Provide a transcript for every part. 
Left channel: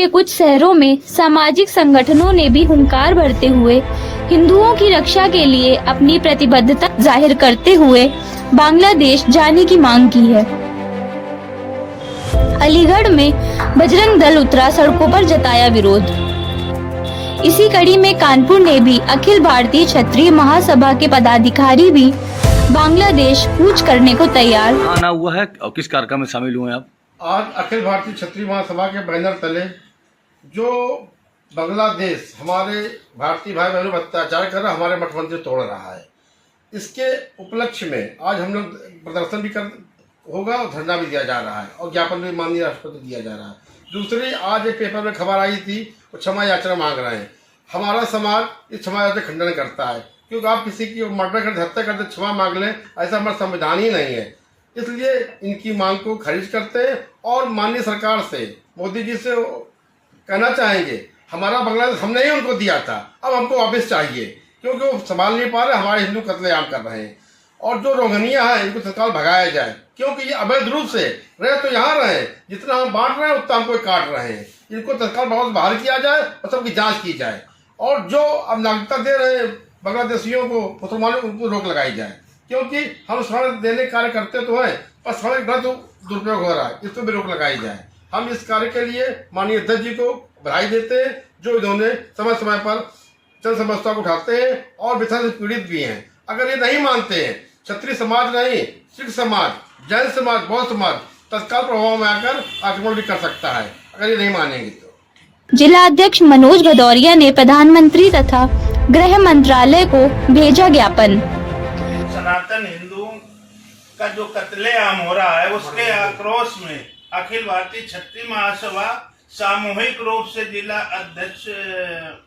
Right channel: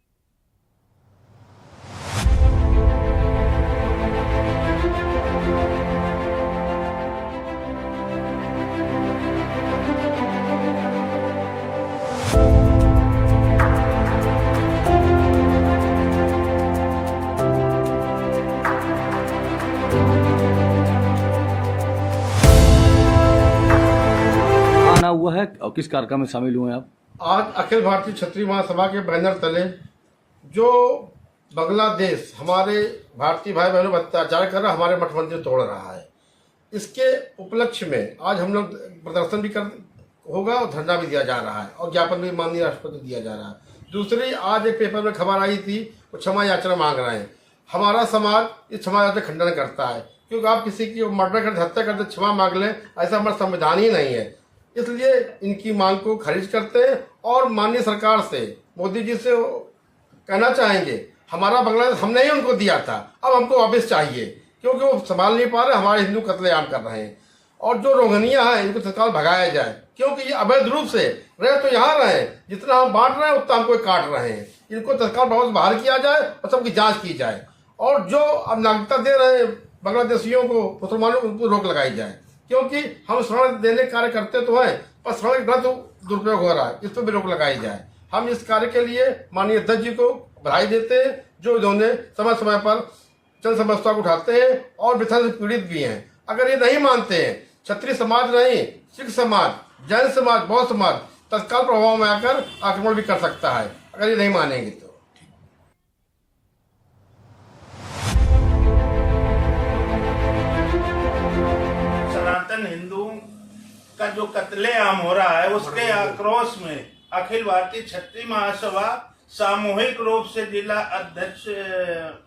के कुछ शहरों में सामाजिक संगठनों ने भी हुंकार भरते हुए हिंदुओं की रक्षा के लिए अपनी प्रतिबद्धता जाहिर करते हुए बांग्लादेश जाने की मांग की है। अलीगढ़ में बजरंग दल उतरा, सड़कों पर जताया विरोध। इसी कड़ी में कानपुर ने भी अखिल भारतीय क्षत्रिय महासभा के पदाधिकारी भी बांग्लादेश कूच करने को तैयार। आना हुआ है और किस कार्यक्रम में शामिल हुए आप? आज अखिल भारतीय क्षत्रिय महासभा के बैनर तले जो बांग्लादेश हमारे भारतीय भाई बहनों पर अत्याचार कर रहा, हमारे मठ मंदिर तोड़ रहा है, इसके उपलक्ष्य में आज हम लोग प्रदर्शन भी होगा और धरना भी दिया जा रहा है और ज्ञापन भी माननीय राष्ट्रपति को दिया जा रहा है। दूसरी, आज एक पेपर में खबर आई थी, वो क्षमा याचना मांग रहे हैं। हमारा समाज इस क्षमा याचना खंडन करता है, क्योंकि आप किसी की मर्डर करते, हत्या करते क्षमा मांग लें, ऐसा हमारा संविधान ही नहीं है। इसलिए इनकी मांग को खारिज करते हैं और माननीय सरकार से, मोदी जी से कहना चाहेंगे, हमारा बांग्लादेश हमने ही उनको दिया था, अब हमको वापस चाहिए, क्योंकि वो संभाल नहीं पा रहे, हमारे हिंदू कत्लेआम कर रहे हैं। और जो रोहिंग्या है इनको तत्काल भगाया जाए, क्योंकि ये अवैध रूप से रहे तो यहाँ रहे, जितना हम बांट रहे हैं उतना हमको काट रहे हैं। इनको तत्काल वापस बाहर किया जाए और सबकी जांच की जाए, और जो अब नागरिकता दे रहे हैं बांग्लादेशियों को, मुसलमानों को, उनको रोक लगाई जाए, क्योंकि हम शरण देने कार्य करते तो हैं पर शरण का तो दुरुपयोग हो रहा है, इस पर भी रोक लगाई जाए। हम इस कार्य के लिए माननीय अध्यक्ष जी को बधाई देते हैं, जो इन्होंने समय समय पर जन समस्या को उठाते हैं और विधान से पीड़ित भी हैं। अगर ये नहीं मानते हैं, क्षत्रिय समाज नहीं, सिख समाज, जैन समाज, बौद्ध समाज तत्काल प्रभाव में आकर आक्रमण भी कर सकता है, अगर ये नहीं मानेंगे तो। जिला अध्यक्ष मनोज भदौरिया ने प्रधानमंत्री तथा गृह मंत्रालय को भेजा ज्ञापन। सनातन हिंदुओं का जो कत्लेआम हो रहा है, उसके आक्रोश में अखिल भारतीय क्षत्रिय महासभा सामूहिक रूप से जिला अध्यक्ष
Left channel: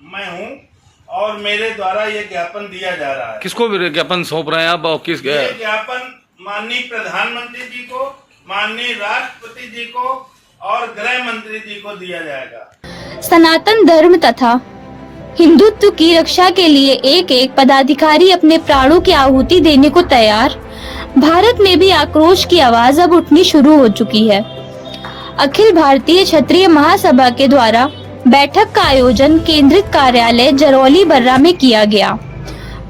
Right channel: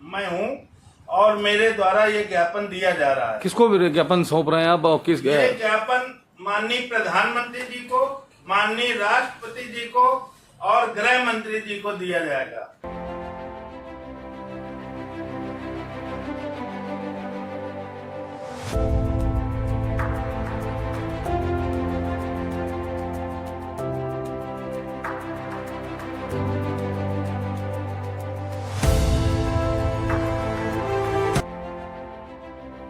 मैं हूं और मेरे द्वारा ये ज्ञापन दिया जा रहा है। किसको ज्ञापन सौंप रहे हैं आप और किस? ये ज्ञापन माननीय प्रधानमंत्री जी को, माननीय राष्ट्रपति जी को और गृह मंत्री जी को दिया जाएगा। सनातन धर्म तथा हिंदुत्व की रक्षा के लिए एक एक पदाधिकारी अपने प्राणों की आहुति देने को तैयार। भारत में भी आक्रोश की आवाज अब उठनी शुरू हो चुकी है। अखिल भारतीय क्षत्रिय महासभा के द्वारा बैठक का आयोजन केंद्रित कार्यालय जरौली बर्रा में किया गया।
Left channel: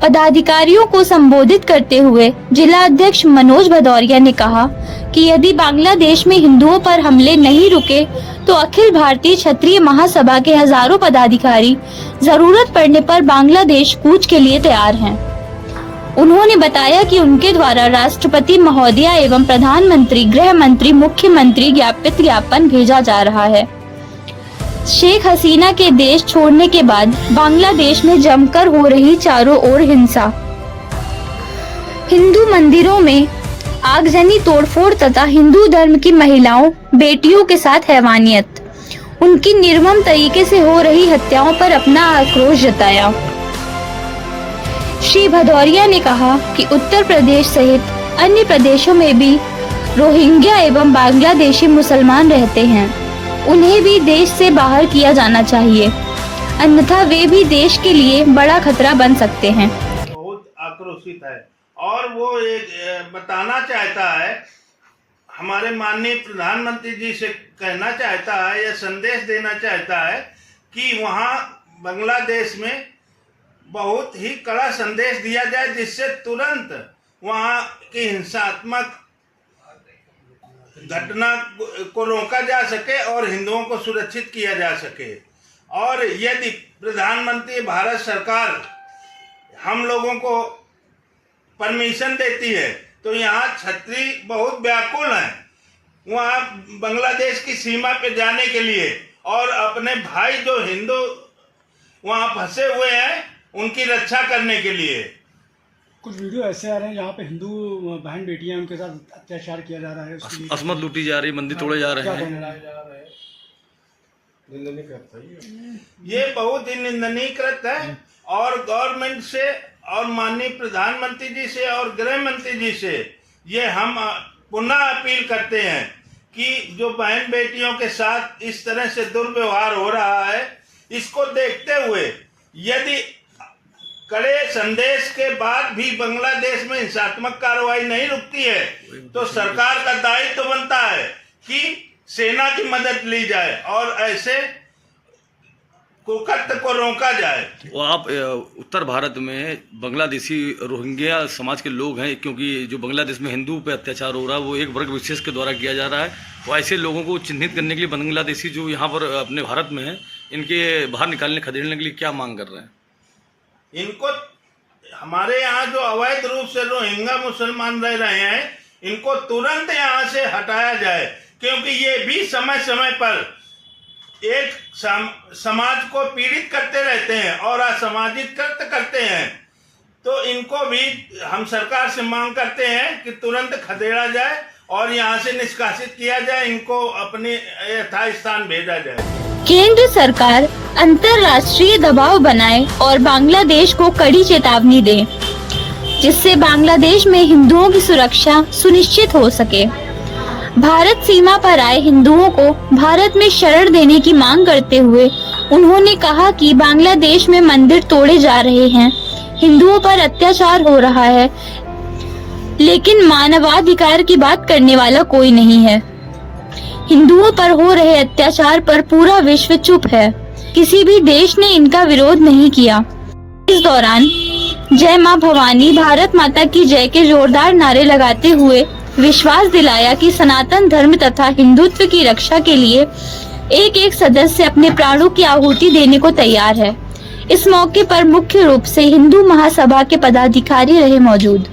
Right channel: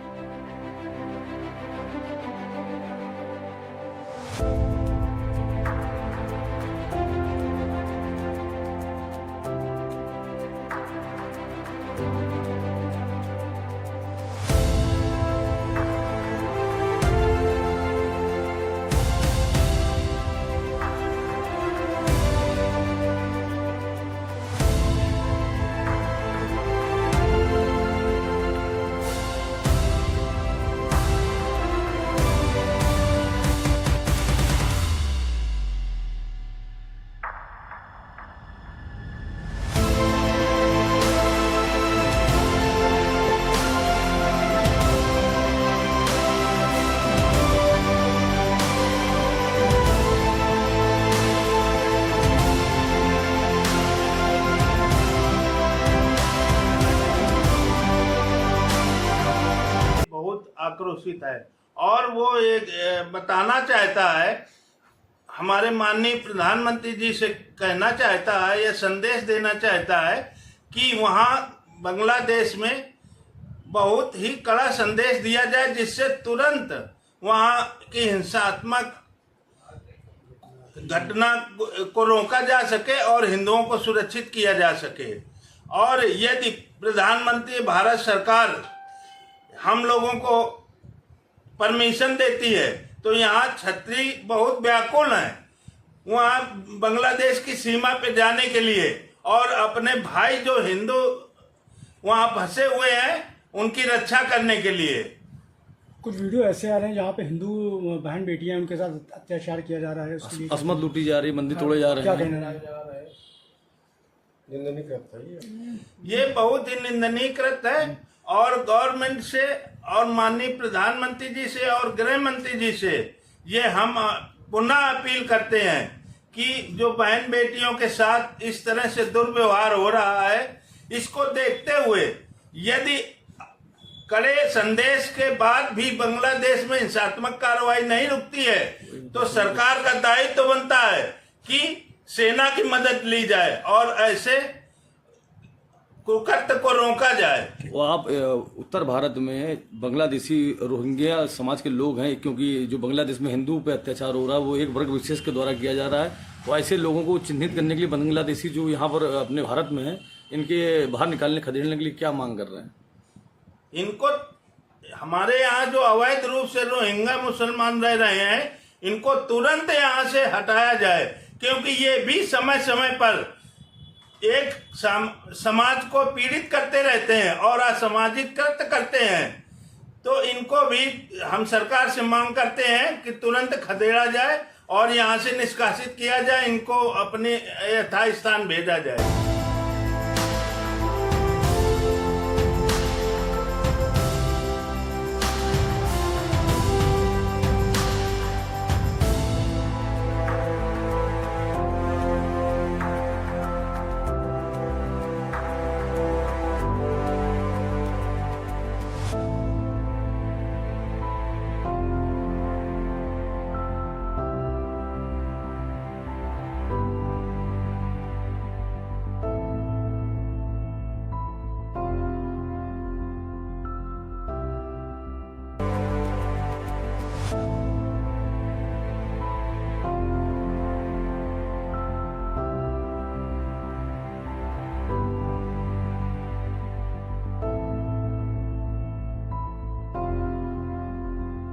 पदाधिकारियों को संबोधित करते हुए जिला अध्यक्ष मनोज भदौरिया ने कहा कि यदि बांग्लादेश में हिंदुओं पर हमले नहीं रुके तो अखिल भारतीय क्षत्रिय महासभा के हजारों पदाधिकारी जरूरत पड़ने पर बांग्लादेश कूच के लिए तैयार हैं। उन्होंने बताया कि उनके द्वारा राष्ट्रपति महोदया एवं प्रधानमंत्री, गृह मंत्री, मुख्यमंत्री ज्ञापन भेजा जा रहा है। शेख हसीना के देश छोड़ने के बाद बांग्लादेश में जमकर हो रही चारों ओर हिंसा, हिंदू मंदिरों में आगजनी, तोड़फोड़ तथा हिंदू धर्म की महिलाओं, बेटियों के साथ हैवानियत, उनकी निर्मम तरीके से हो रही हत्याओं पर अपना आक्रोश जताया। श्री भदौरिया ने कहा कि उत्तर प्रदेश सहित अन्य प्रदेशों में भी रोहिंग्या एवं बांग्लादेशी मुसलमान रहते हैं, उन्हें भी देश से बाहर किया जाना चाहिए, अन्यथा वे भी देश के लिए बड़ा खतरा बन सकते हैं। बहुत आक्रोशित है और वो एक बताना चाहता है, हमारे माननीय प्रधानमंत्री जी से कहना चाहता है या संदेश देना चाहता है कि वहाँ बांग्लादेश में बहुत ही कड़ा संदेश दिया जाए, जिससे तुरंत वहाँ की हिंसात्मक घटना को रोका जा सके और हिंदुओं को सुरक्षित किया जा सके। और यदि प्रधानमंत्री भारत सरकार हम लोगों को परमिशन देती है तो यहाँ क्षत्रिय बहुत व्याकुल हैं वहाँ बांग्लादेश की सीमा पे जाने के लिए और अपने भाई जो हिंदू वहाँ फंसे हुए हैं उनकी रक्षा करने के लिए। कुछ वीडियो ऐसे आ रहे हैं जहाँ पे हिंदू बहन बेटियां उनके साथ अत्याचार किया जा रहा है, असमत लूटी जा रही, मंदिर तोड़े जा रहे हैं। ये बहुत ही निंदनीय कृत है और गवर्नमेंट से और माननीय प्रधानमंत्री जी से और गृह मंत्री जी से ये हम पुनः अपील करते हैं कि जो बहन बेटियों के साथ इस तरह से दुर्व्यवहार हो रहा है, इसको देखते हुए यदि कड़े संदेश के बाद भी बांग्लादेश में हिंसात्मक कार्रवाई नहीं रुकती है तो सरकार का दायित्व बनता है कि सेना की मदद ली जाए और ऐसे कुकृत्य को रोका जाए। वो आप उत्तर भारत में बांग्लादेशी रोहिंग्या समाज के लोग हैं, क्योंकि जो बांग्लादेश में हिंदू पे अत्याचार हो रहा है वो एक वर्ग विशेष के द्वारा किया जा रहा है। वो ऐसे लोगों को चिन्हित करने के लिए बांग्लादेशी जो यहाँ पर अपने भारत में हैं, इनके बाहर निकालने खदेड़ने के लिए क्या मांग कर रहे हैं? इनको हमारे यहाँ जो अवैध रूप से रोहिंग्या मुसलमान रह रहे हैं, इनको तुरंत यहाँ से हटाया जाए, क्योंकि ये भी समय समय पर एक समाज को पीड़ित करते रहते हैं और असामाजिक कृत्य करते हैं। तो इनको भी हम सरकार से मांग करते हैं कि तुरंत खदेड़ा जाए और यहाँ से निष्कासित किया जाए, इनको अपने यथास्थान स्थान भेजा जाए। केंद्र सरकार अंतर्राष्ट्रीय दबाव बनाए और बांग्लादेश को कड़ी चेतावनी दे, जिससे बांग्लादेश में हिंदुओं की सुरक्षा सुनिश्चित हो सके। भारत सीमा पर आए हिंदुओं को भारत में शरण देने की मांग करते हुए उन्होंने कहा कि बांग्लादेश में मंदिर तोड़े जा रहे हैं, हिंदुओं पर अत्याचार हो रहा है, लेकिन मानवाधिकार की बात करने वाला कोई नहीं है। हिंदुओं पर हो रहे अत्याचार पर पूरा विश्व चुप है, किसी भी देश ने इनका विरोध नहीं किया। इस दौरान जय मां भवानी, भारत माता की जय के जोरदार नारे लगाते हुए विश्वास दिलाया कि सनातन धर्म तथा हिंदुत्व की रक्षा के लिए एक एक सदस्य अपने प्राणों की आहुति देने को तैयार है। इस मौके पर मुख्य रूप से हिंदू महासभा के पदाधिकारी रहे मौजूद।